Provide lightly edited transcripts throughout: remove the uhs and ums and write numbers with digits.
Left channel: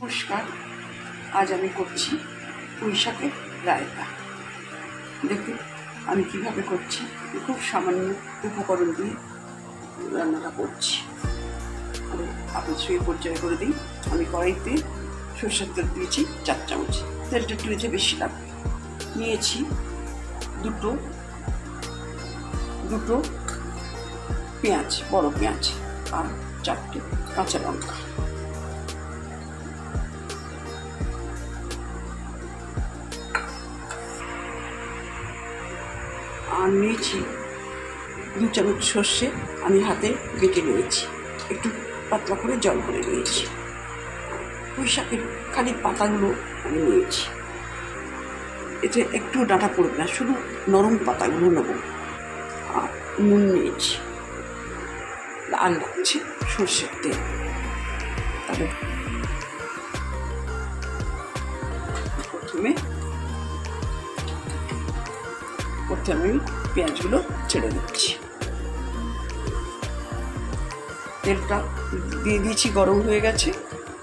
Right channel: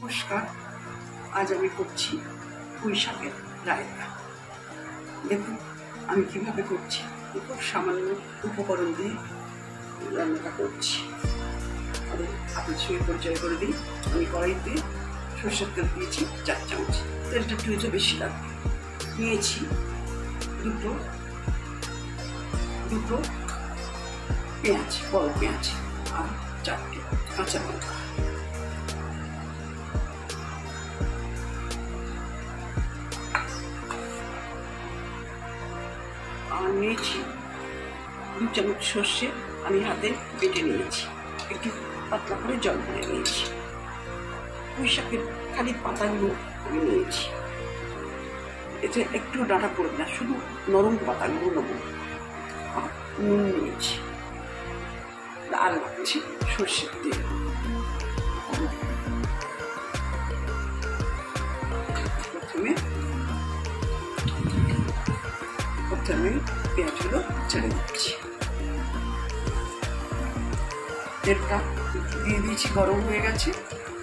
নমস্কার, আজ আমি করছি পুঁই শাকের রায়তা। দেখুন আমি কিভাবে করছি। খুব সামান্য উপকরণ দিয়ে রান্নাটা করছি। আর আপনার সঙ্গে পরিচয় করে দিই। আমি কড়াইতে সরষের তেল দিয়েছি 4 চামচ। তেলটা একটু বেশি লাগবে। নিয়েছি দুটো পেঁয়াজ, বড় পেঁয়াজ, আর 4টে কাঁচা লঙ্কা। আর নিয়েছি 2 চামচ সর্ষে, আমি হাতে বেটে নিয়েছি, একটু পাতলা করে জল করে নিয়েছি। পুঁই শাকের খালি পাতাগুলো আমি নিয়েছি, এতে একটু ডাঁটা পড়বে না, শুধু নরম পাতাগুলো নেব। আর নুন নিয়েছি, আর লাগছে সর্ষের তেল। তবে প্রথমে আমি পেঁয়াজগুলো ছেড়ে দিচ্ছি। তেলটা দিয়ে দিয়েছি, গরম হয়ে গেছে।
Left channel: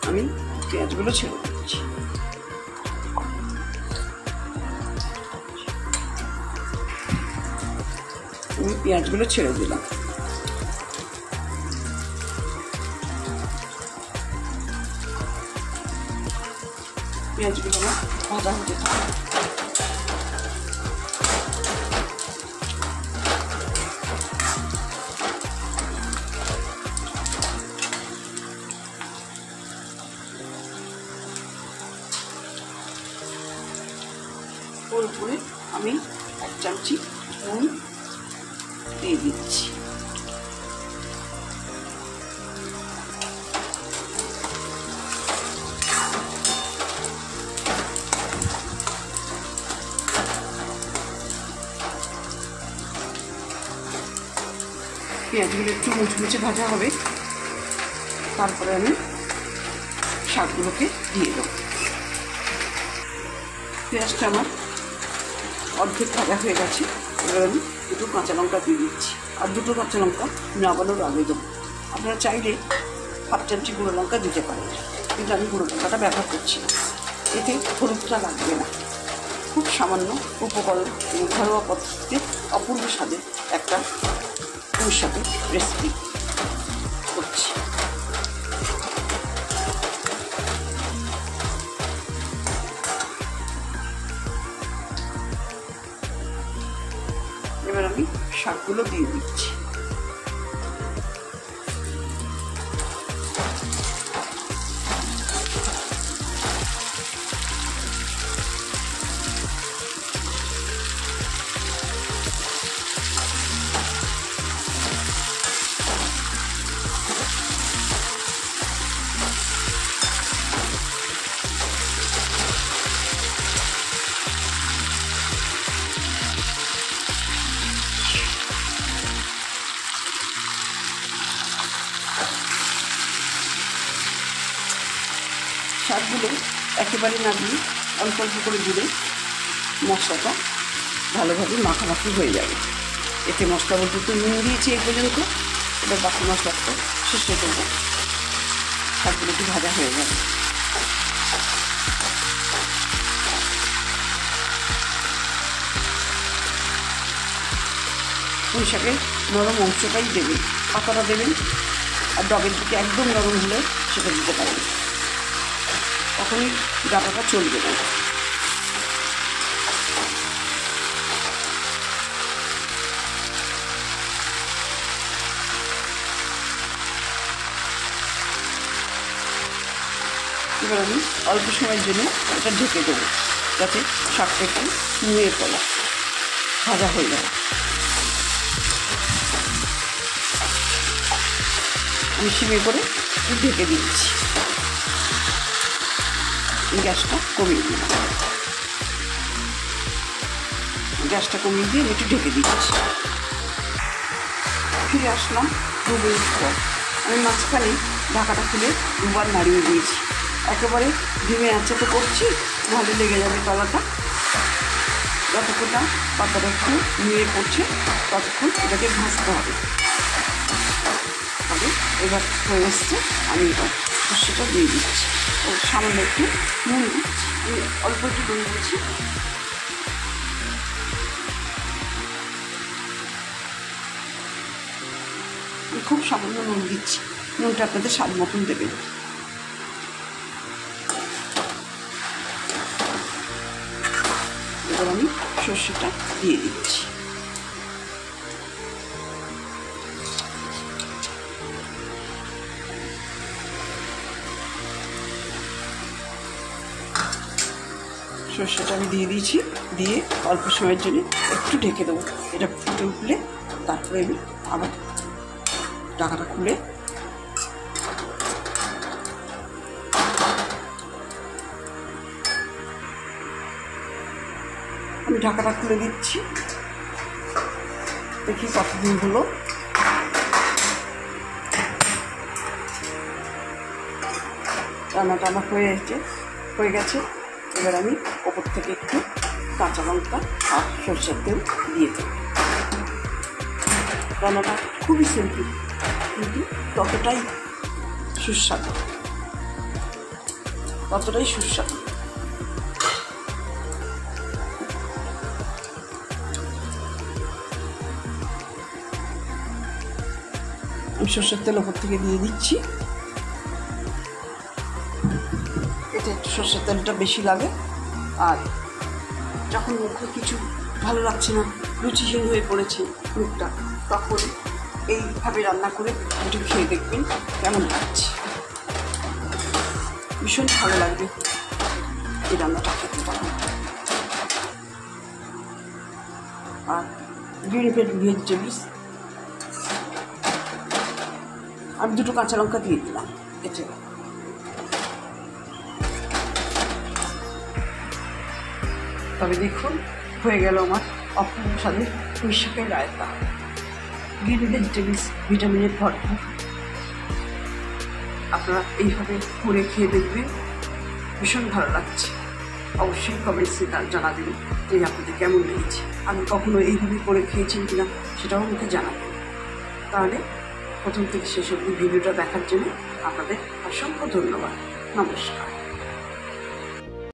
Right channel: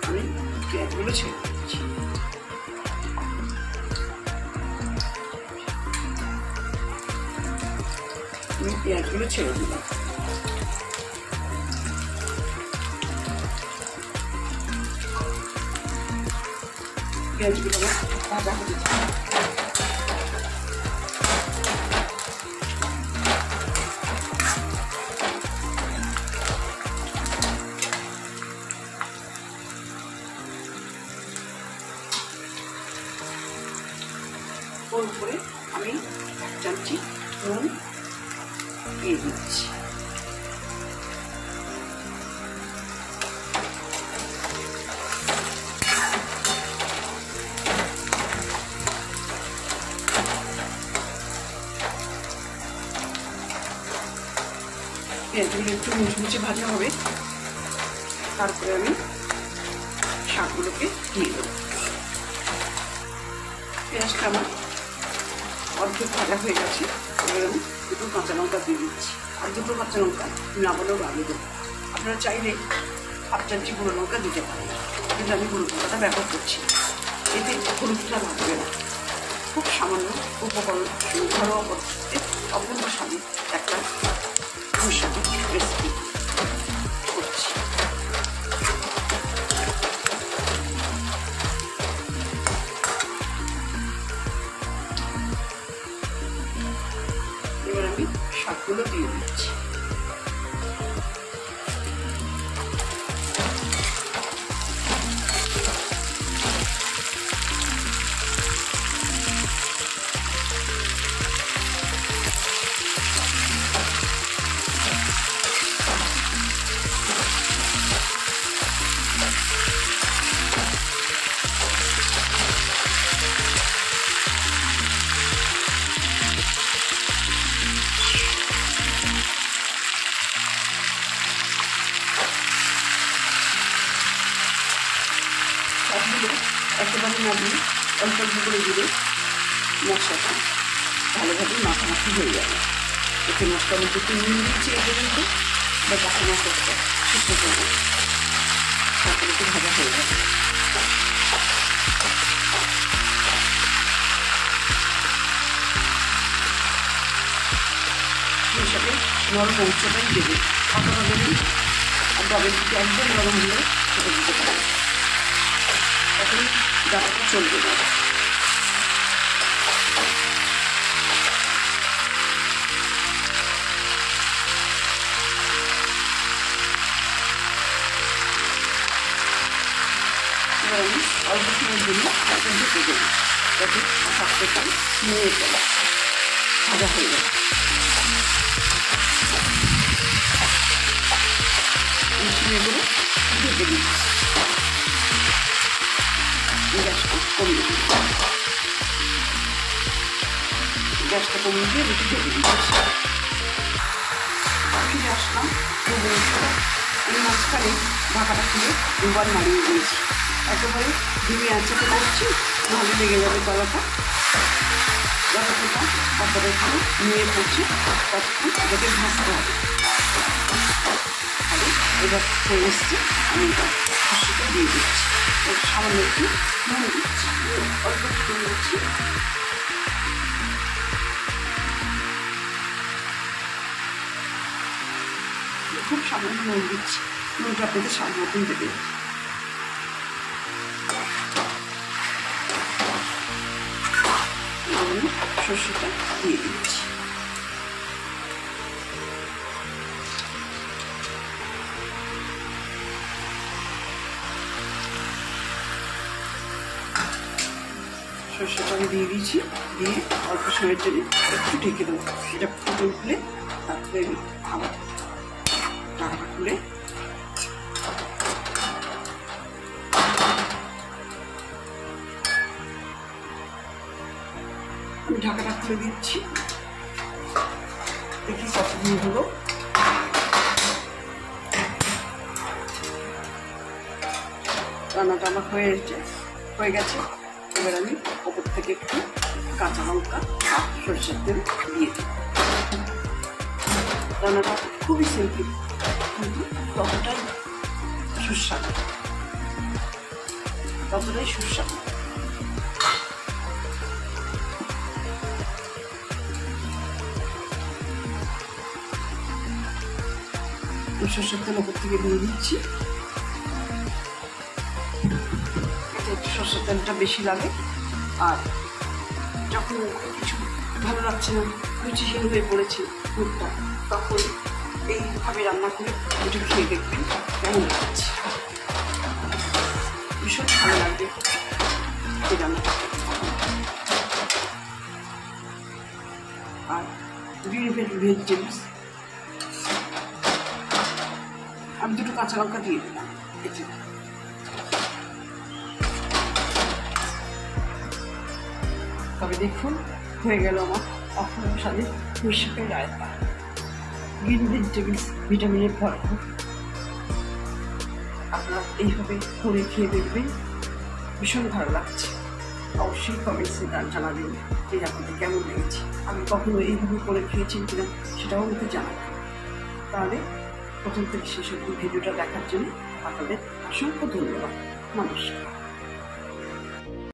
আমি পেঁয়াজগুলো ছেড়ে দিচ্ছি। আমি পেঁয়াজগুলো ছেড়ে দিলাম। পেঁয়াজগুলো ভাজা হতে থাকবে। করে আমি 1 চামচি নুন দিয়ে দিচ্ছি। পেঁয়াজগুলো একটু মুচমুচে ভাজা হবে, তারপরে আমি শাকগুলোকে দিয়ে দেবো। পেঁয়াজটা আমার অর্ধেক ভাজা হয়ে গেছে। এবার আমি 2 কাঁচা লঙ্কা দিয়ে দিচ্ছি, আর 2 কাঁচা লঙ্কা নামানোর আগে দেবো। আপনারা চাইলে 1/2 চামচি গুঁড়ো লঙ্কা দিতে পারেন, কিন্তু আমি গুঁড়ো লঙ্কাটা ব্যবহার করছি। এতে হলুদটা লাগবে না। খুব সামান্য উপকরণ, ঘরোয়া পদ্ধতিতে অপূর্ব স্বাদে একটা পুঁই শাকের রেসিপি করছি। এবার আমি শাকগুলো দিয়ে দিচ্ছি। শাকগুলো একেবারে না দিয়ে অল্প অল্প করে দিলে মশলাটা ভালোভাবে মাখামাখি হয়ে যাবে। এতে মশলা বলতে একটু নুন দিয়েছি এই পর্যন্ত। এবার বাকি মশলাটা শুকনো করবো, শাকগুলো একটু ভাজা হয়ে যাবে। পুঁই শাকের নরম অংশটাই দেবেন, পাতাটা দেবেন। আর ডাবের দিকে একদম নরম হলে সেটা দিতে পারেন, তখনই ডাটাটা চলবে না। এবার আমি অল্প সময়ের জন্য এটা ঢেকে দেবো, যাতে শাকটাকে নিয়ে তোলা ভাজা হয়ে যাবে। আমি সিমে করে ঢেকে দিচ্ছি। গ্যাসটা কমিয়ে দিই, গ্যাসটা কমিয়ে দিয়ে একটু ঢেকে দিচ্ছি। ফিরে আসলাম 2 মিনিট পর। আমি মাঝখানে ঢাকাটা খুলে 2বার নাড়িয়ে দিয়েছি। একেবারে ডিমে আঁচে তো করছি, ভালো লেগে যাবে তলাটা। যতটা পাতাটা একটু নিয়ে পড়ছে ততক্ষণ এটাকে ভাজতে হবে। আর এবার হয়ে এসছে, আমি এটা সর্ষেটা দিয়ে দিচ্ছি। সামান্য একটু নুন দিচ্ছি, অল্প একটু নুন দিচ্ছি। খুব সামান্য নুন দিচ্ছি, নুনটা আপনাদের স্বাদ মতন দেবেন। এবার আমি সর্ষেটা দিয়ে দিচ্ছি। সর্ষেটা আমি দিয়ে দিয়েছি, দিয়ে অল্প সময়ের জন্য একটু ঢেকে দেবো। এটা ফুটে উঠলে তারপরে আমি আবার ঢাকাটা খুলে আমি ঢাকাটা খুলে দিচ্ছি। দেখি কতদিন হলো। রান্নাটা আমার হয়ে গেছে। এবার আমি ওপর থেকে একটু কাঁচা লঙ্কা আর সরষের তেল দিয়ে দিই। রান্নাটা খুবই সিম্পল, কিন্তু ততটাই সুস্বাদু। আমি সরষের তেল ওপর থেকে দিয়ে দিচ্ছি। এতে একটু সরষের তেলটা বেশি লাগে। আর যখন মুখে কিছু ভালো লাগছে না, রুচিহীন হয়ে পড়েছে মুখটা, তখন এইভাবে রান্না করে একটু খেয়ে দেখবেন কেমন লাগছে। ভীষণ ভালো লাগবে এই রান্নাটা খেতে। আর গ্রিন ভেজিটেবলস আমি 2টো কাঁচা লঙ্কা দিয়ে দিলাম। এটা তবে দেখুন, হয়ে গেল আমার অপূর্ব স্বাদের পুঁই শাকের রায়তা। গ্রিন ভেজিটেবলস ভিটামিনে ভরপুর। আপনারা এইভাবে করে খেয়ে দেখবেন, ভীষণ ভালো লাগছে। অবশ্যই কমেন্টসে জানাবেন যে আপনাদের কেমন লেগেছে। আমি কখনো এইভাবে করে খেয়েছেন কিনা সেটাও আমাকে জানাবেন। তাহলে প্রথম থেকে শেষ অবধি ভিডিওটা দেখার জন্য আপনাদের অসংখ্য ধন্যবাদ। নমস্কার।